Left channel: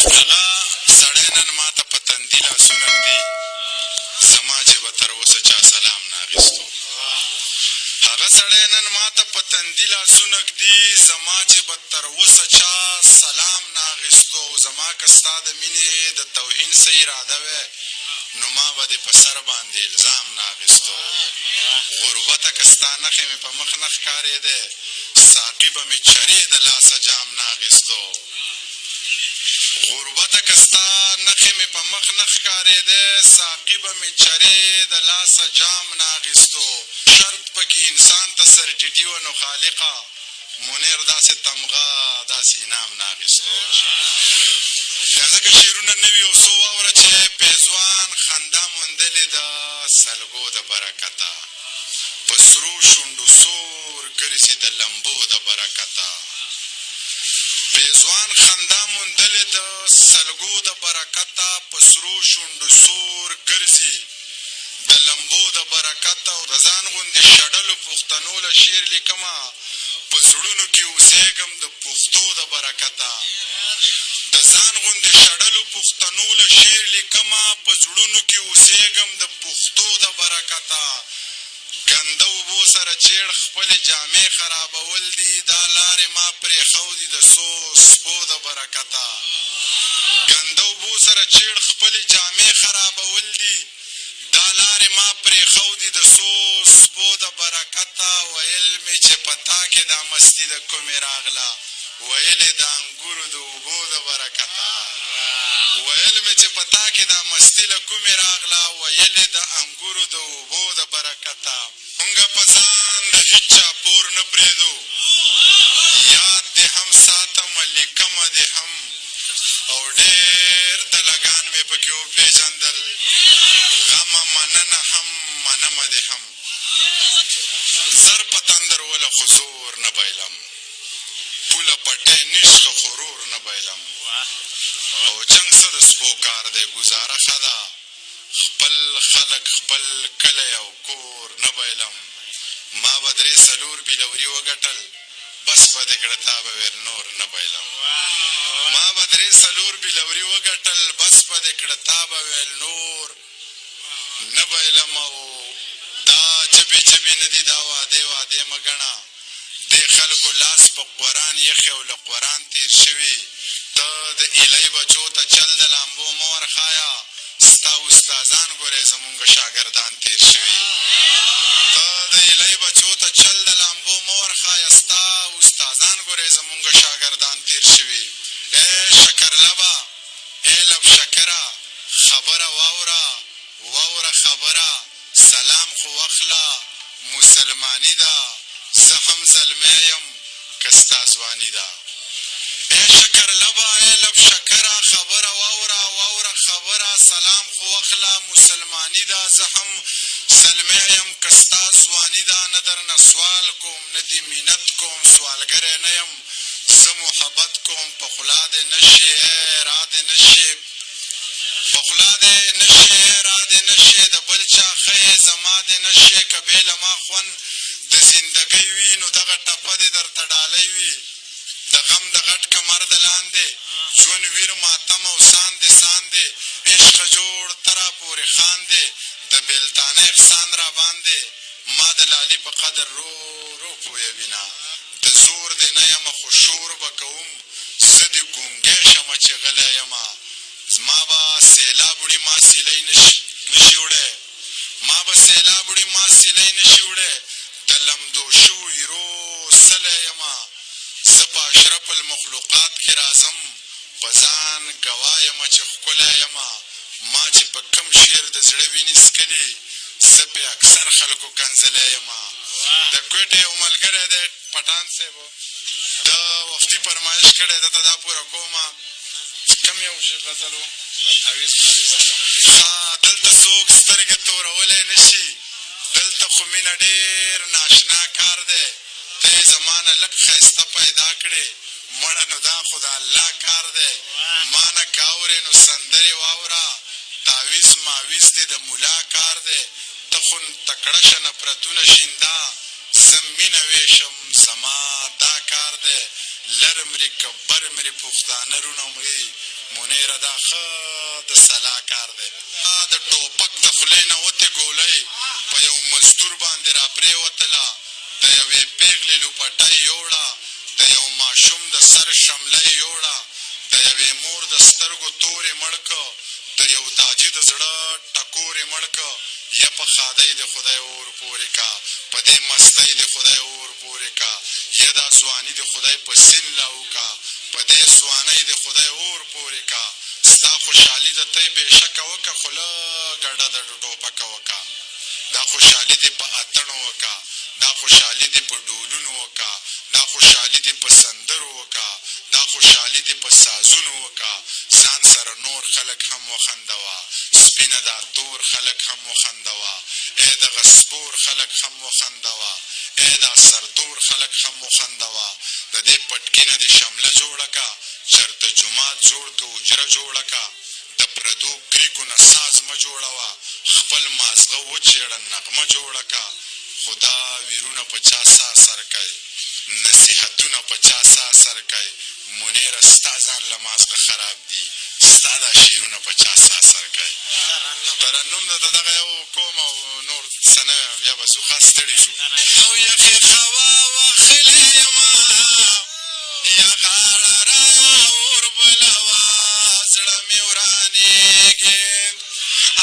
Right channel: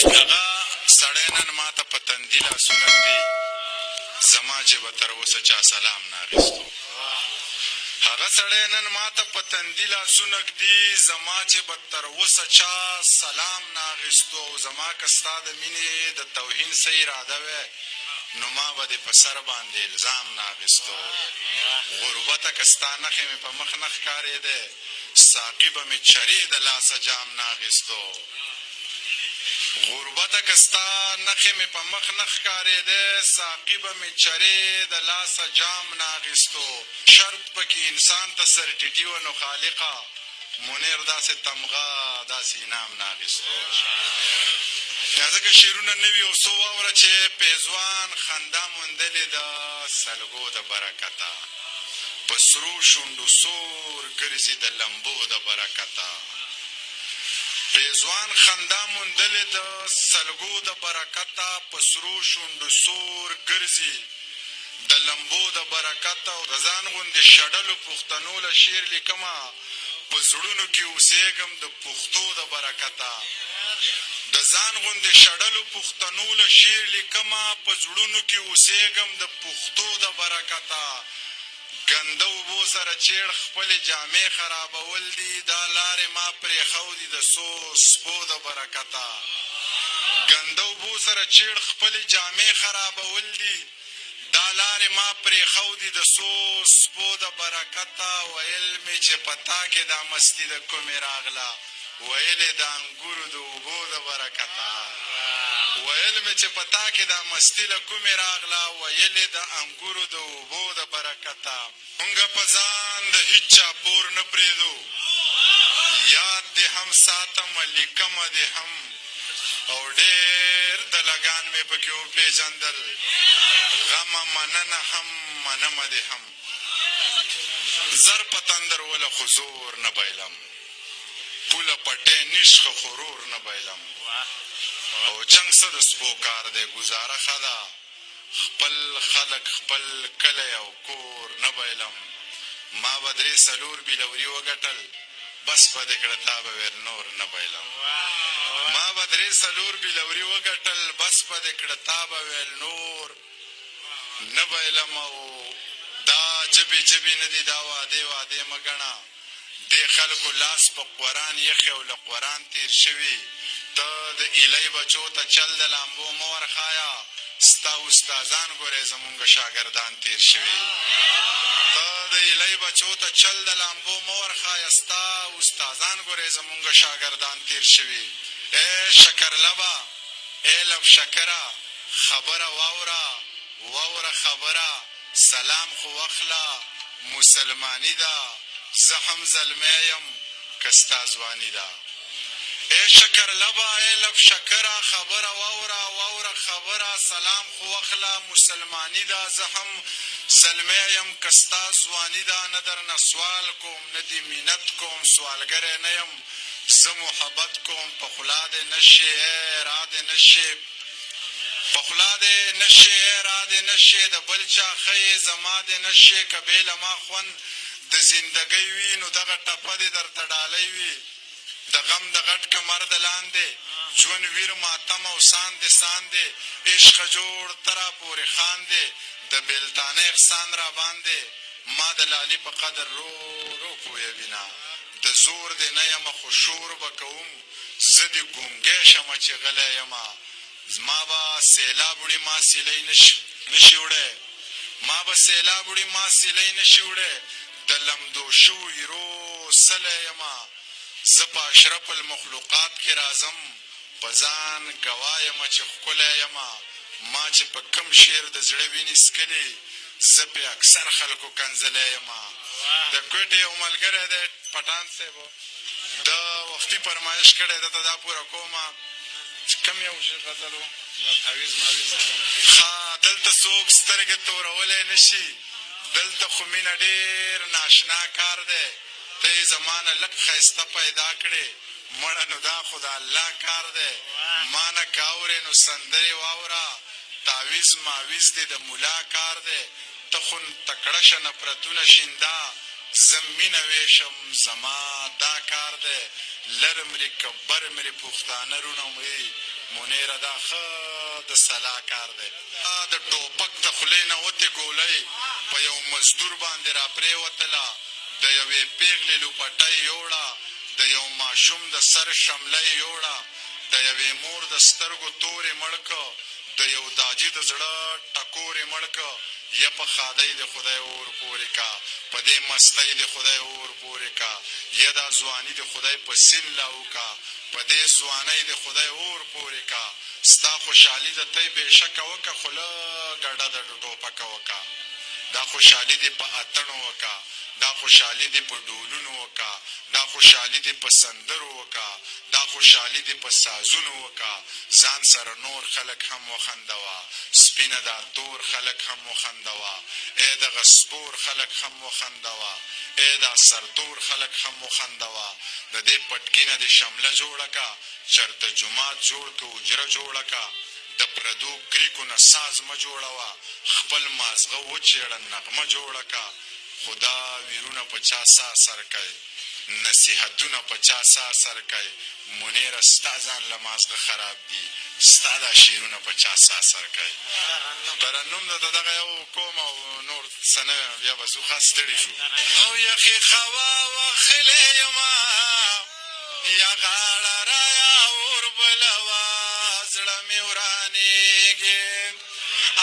هغه سړی نن ماته په تندي لاسونه ږدي، زما چې به تر اوسه چا سلام نه اخیستو. هغه سړی نن ماته په تندي لاسونه ږدي، زما چې به تر اوسه چا سلام نه اخیستو. زما که ستا د مینې د توهین څه اراده وی، نو ما به دې په سر باندې الزام نه اخیستو. غربته که ستا نښې مې په مخ نه ښکارېدی، ساقي به مې چرې د لاسه جام نه اخیستو. غربته که ستا نښې مې په مخ نه ښکارېدی، ساقي به مې چرې د لاسه جام نه اخیستو. شرط پکې انسان ته سر ټیټي وه، نو خالقه منیر داسې تمغه داسې انعام نه اخیستو. ځکه شعرونه نه وي او څو واوره چې پیزوان خندا موندلې د سلګو د برکته، په سرو شونډو سور ګرځي د لمبو د برکته. پیزوان خندا موندلې د سلګو د برکته، په سرو شونډو سور ګرځي د لمبو د برکته. او د ځان غوندې شډلو پښتنو له شعر لیکمه، په زړونو کې اوسېږم د پښتو د برکته. د ځان غوندې شډلو پښتنو له شعر لیکمه، په زړونو کې اوسېږم د پښتو د برکته. ګنده اوبو سره چیړ خپلې جامې خرابول دي، دا لارې ما پرېښودي د څو سپو د برکته. ګنده اوبو سره چیړ خپلې جامې خرابول دي، دا لارې ما پرېښودي د څو سپو د برکته. ویل مې چې په تا کې دا مستي د کومې راغله، ویلې د انګورو د اوبو د برکته. ویل مې چې په تا کې دا مستي له کومې راغله، ویلې د انګورو د اوبو د برکته. مونږه په ځان د هېچ چا پور نه پرېږدو، یاد دې هم ساتمه لیکمه دې هم، او ډېر د لګان مې پکې وپېژندل، غمه مننه هم منمه دې هم. زر په تندر وله خو زور نه بایلم، پوله پټی نشخه خورور نه بایلم. او جنګ څه د سپو کار دی، ګزاره ښه ده، خپل خلک خپل کلی او کور نه بایلم. ما به 3-4 بېلوري وګټل، بس به دې کړه تا به ویل نور نه بایلم. ما به 3-4 بېلوري وګټل، بس به دې کړه تا به ویل نور نه بایلم. او دا جبې جبې نه دي، دا وعدې وعدې مه ګڼه. دې خلکو لاس په قرآن یخې او له قرآن تېر شوي. ته د ایلی بچو ته چل د لامبو مه ورښایه، ستا استادان ګورې زمونږ شاګردان تېر شوي. ته د ایلی بچو ته چل د لامبو مه ورښایه، ستا استادان ګورې زمونږ شاګردان تېر شوي. ای شکرلبه ای لب شکره، خبره واوره واوره خبره، سلام خو واخله مسلماني ده، زه هم زلمی یم که ستا ځواني ده. ای شکرلبه ای لب شکره، خبره واوره واوره خبره، سلام خو واخله مسلماني ده، زه هم زلمی یم که ستا ځواني ده. نه درنه سوال کوم نه دې منت کوم، سوالګری نه یم زه محبت کوم. په خوله دې نه شي ای را دې نه شي، په خوله دې نه شي ای را دې نه شي، د بل چا ښه زما دې نه شي. که بې له ما خوند د زندګۍ وي، نو دغه ټپه دې درته ډالۍ وي. د غم د غټ کمر د لاندې ژوند ویر ماتم او ساندې ساندې، عشقه جوړ ته را پورې خاندې، د بېلتانه احسان را باندې، ما د لالي په قدر رو رو پویوینه. د زور دې نه یمه خو شور به کوم، زه دې ګونګی شمه چې غلی یمه. ما به سیلاب وړي ما سیلی نشي وړی، ما به سیلاب وړي ما سیلی نشي وړی، د لمدو شوي رو سلی یمه. زه په اشرف المخلوقات کې راځم، په ځان ګواه یمه چې ښکلی یمه. ما چې په کم شعر د زړه وینې څکلې، زه پې اکثر خلکو کنځلی یمه. د کوټې یو ملګری دی پټان صاحب، د وختي فرمایش کړی، دته دا پوره کومه. کم یو غزل و دلته څوک سترګې تورولی نه شي، دلته خو مینه ډېر ناشنا کار دی. ته یې زما نه لږ ښایسته پیدا کړې، مړه نو دا خو د الله کار دی. ما نه که اورې نو سندرې واوره، تعویز ماویز دې د ملا کار دی. ته خو تکړه شه نفرتونه شینده، زه مینه ویشم زما دا کار دی. لر مرې که بر مرې پښتانه رونه مرې، منیره دا ښه د سلا کار دی. د ټوپک د خولې نه وتې ګولۍ په یو مزدور باندې را پرېوتله، د یوې پېغلې لوپټۍ یوړه، د یو ماشوم د سر شمله یې یوړه، د یوې مور د سترګو تورې مړ که، د یو داجي د زړه ټکورې مړ که. یا په ښادۍ د خدای اور پورې کا، په دې مستۍ د خدای اور پورې کا. یا دا ځواني د خدای په سین لاو کا، په دې ځوانۍ د خدای اور پورې کا. ستا خوشحالي د تی بېشکه وکه، خو لږه ډډه د ټوپکه وکه. دا خوشحالي دې په اتڼو وکه، دا خوشحالي دې په ډولونو وکه، دا خوشحالي دې په سندرو وکه، دا خوشحالي دې په سازونو وکه. ځان سره نور خلک هم وخندوه، سپینه دا تور خلک هم وخندوه، ای دغه سپور خلک هم وخندوه، ای دا سرتور خلک هم وخندوه. د دې پټکي نه دې شمله جوړه که، چرته جومات جوړ که، حجره جوړه که. د پردو کریکو نه ساز مه جوړوه، خپل مازغه وچېړه نغمه جوړه که. خو دا ویرونه په چا سا سر کوي، نصیحتونه په چا سا سر کوي. منیره ستا ځان له مازغه خراب دي، ستا دا شعرونه په چا سا سر کوي. ترنم د دغه یو کوم او نور څه نه ویم، بیا به ځو خاص ستړي شو. او یخې خوا وخلې یمه، یا غاړه رایا اور بلوه، زړه مې ورانېږي.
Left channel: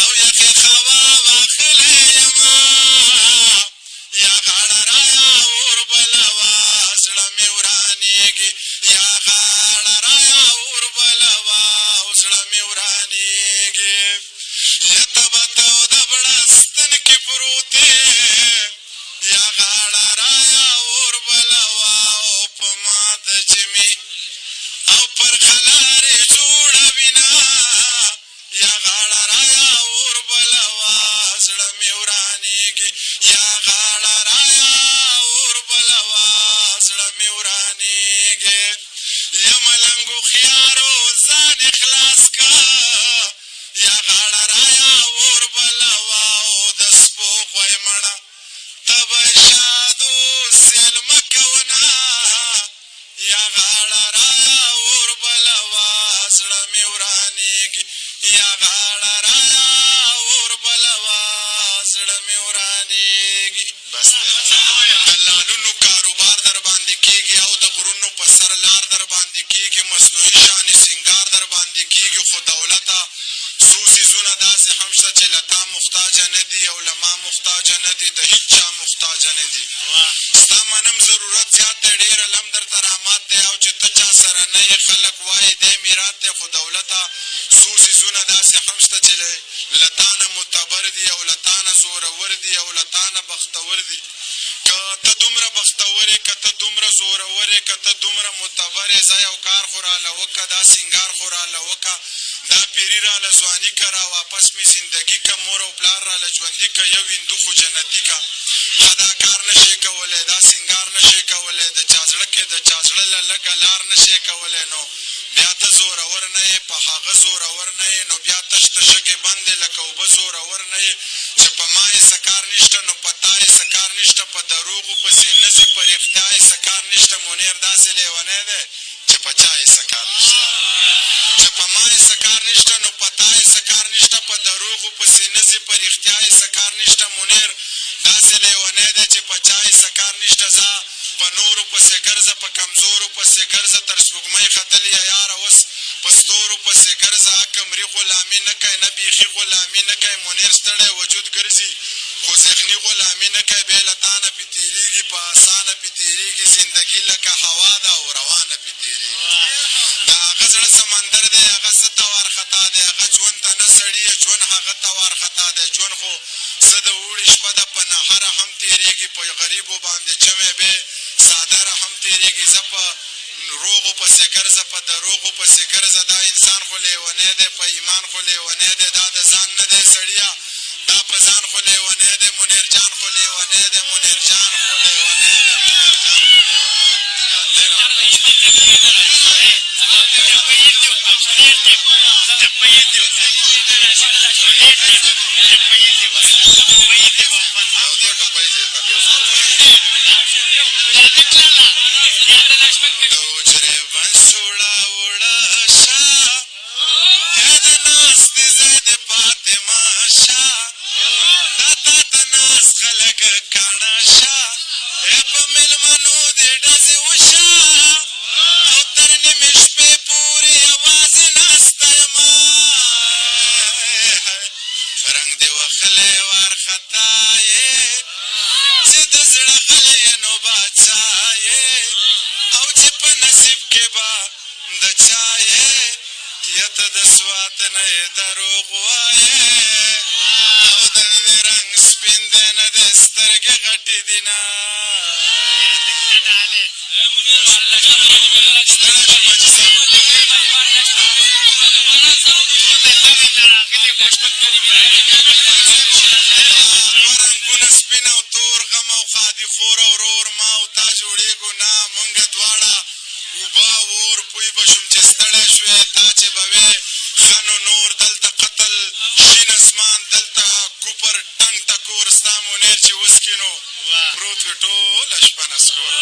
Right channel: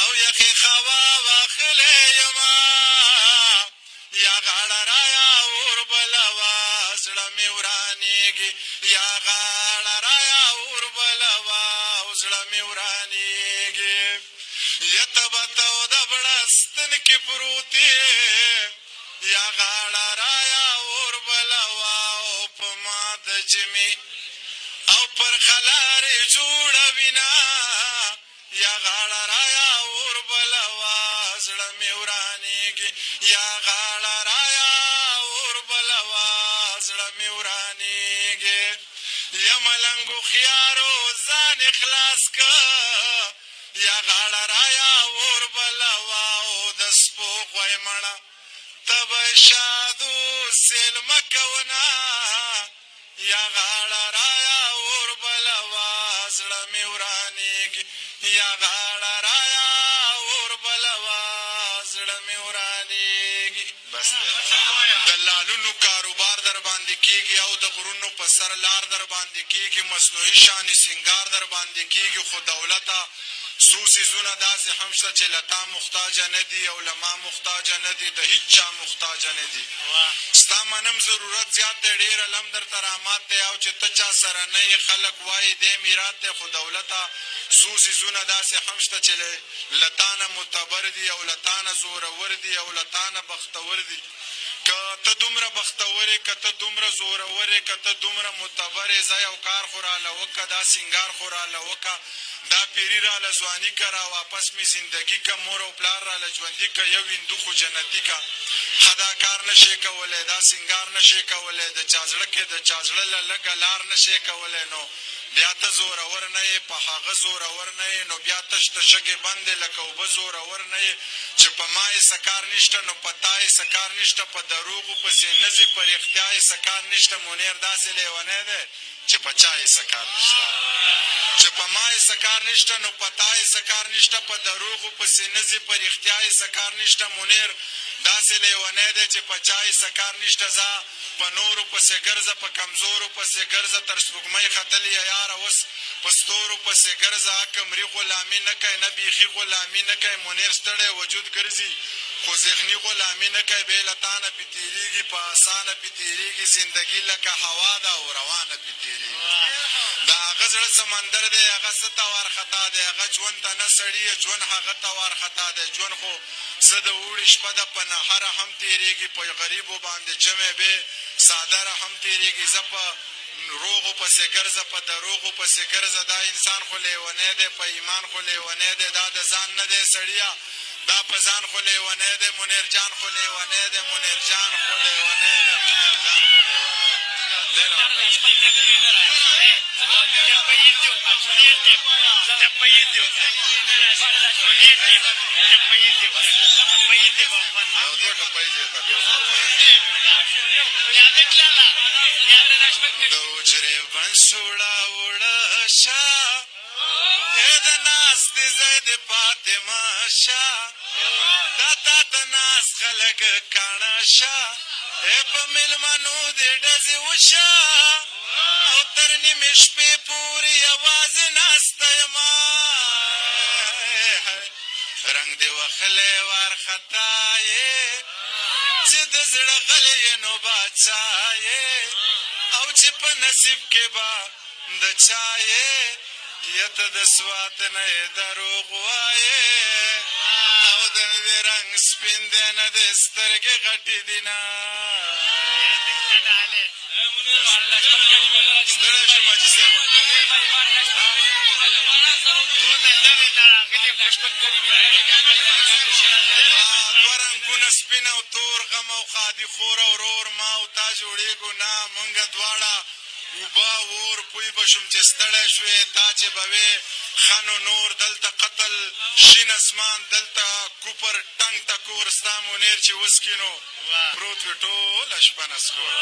او یخې خوا وخلې یمه، یا غاړه رایا اور بلوه، زړه مې ورانېږي. یا غاړه رایا اور بلوه، زړه مې ورانېږي. یا تبه تو د بړستن کې پروت یې، یا غاړه رایا اور بلوه، او په ما د جمې او پر خلارې جوړه وینه. یا غاړه رایا اور بلوه، زړه مې ورانېږي. یا غاړه رایا اور بلوه، زړه مې ورانېږي. یا ملنګ هوښیارو ځان خلاص که، یا غاړه رایا اور بلوه، او د سپو غوی مړه ته به شادو سیل مه کوونه. یا غاړه رایا اور بلوه، زړه مې ورانېږي. یا غاړه رایا اور بلوه، زړه مې ورانېږي. بس د لالونو کاروبار در باندې کېږي، او د غرونو په سر لار در باندې کېږي. مصنوعي شانې سینګار در باندې کېږي، خو دولته څو څیزونه داسې هم شته چې له تا محتاجه نه دي او له ما محتاجه نه دي، د هېڅ چا محتاجه نه دي. ستا منم ضرورت زیات دی، ډېر علم درته رامات دی، او چې ته چا سره نه یې خلک وایي دی میرات دی. خو دولته څو څیزونه داسې هم شته چې له تا نه معتبر دي، او له تا نه زورور دي، او له تا نه بختور دي. که ته دومره بختور یې، که ته دومره زورور یې، که ته دومره معتبر یې، ځه یو کار خو راله وکړه، دا سینګار خو راله وکړه، دا پیري راله ځواني که، را واپس مې زندګي که، مور او پلار راله ژوندي که، یو هندو خو جنتي که. ښه دا کار نه شې کولی، دا سینګار نه شې کولی، د چا زړه کې د چا زړه له لږه لار نه شې کولی، نو بیا ته زورور نه یې، په هغه زورور نه یې، نو بیا تش د شګې بندې لکه اوبه زورور نه یې. چې په ما یې څه کار نشته، نو په تا یې څه کار نشته، په دروغو پسې نه ځي، په رښتیا یې څه کار نشته. منیر داسې لیونی دی چې په چا یې څه کار نشته. چې په ما یې څه کار نشته، نو په تا یې څه کار نشته، په دروغو پسې نه ځي، په رښتیا یې څه کار نشته. منیر داسې لیونی دی چې په چا یې څه کار نشته. ځه په نورو پسې ګرځه، په کمزورو پسې ګرځه، تر سپوږمۍ ختلې یاره اوس په ستورو پسې ګرځه. قمري غلامي نه کوي، نه بیخي غلامي نه کوي. منیر ستړی وجود ګرځي، خو ذهني غلامي نه کوي. بې له تا نه پې تېرېږي، په اسانه پې تېرېږي. زندګي لکه هوا ده او روانه پې تېرېږي. د هغه زړه سمندر دی، هغه څه ته وارخطا دی، هغه ژوند ته نه سړي، ژوند هغه ته وارخطا دی. ژوند خو څه د اوړي شپه ده، په نهره هم تېرېږي، په غریبو باندې جمع بې څادره هم تېرېږي. زه په روغو پسې ګرځه، په دروغو پسې ګرځه. دا انسان خو لیونی دی، په ایمان خو لیونی دی. دا د ځان نه دی سړیه، دا په ځان خو لیونی دی. منیر جان خو لیونی دی، منیر جان خو لیونی دی، منیر جان خو لیونی دی. د حجرې بند سوړه وړه شه، کاڼه شه په مېلمنو دې ډزې وشه او تر نیمې شپې پورې یوازې ناسته یمه رنګ دې وخلی وارخطا یې چې د زړه غلی یې نو باچا یې او چې په نصیب کې به د چا یې یا ته د سوات نه یې دروغ وایې او د دې رنګ سپین دی نه د سترګې غټې دي نه ستړی شو ماجي صاحب دوه رنګونه سپین او تور غم او خادي خور او رور ما او تا جوړېږو نه مونږ دواړه اوبه اور پوی به شوم چې ستړی شوې تا چې به وې ښه نو نور دلته قتل شین اسمان دلته کوپر ټنګ ټکور ستا منیر چې وسکي نو پروت وي ټوله شپه نسکور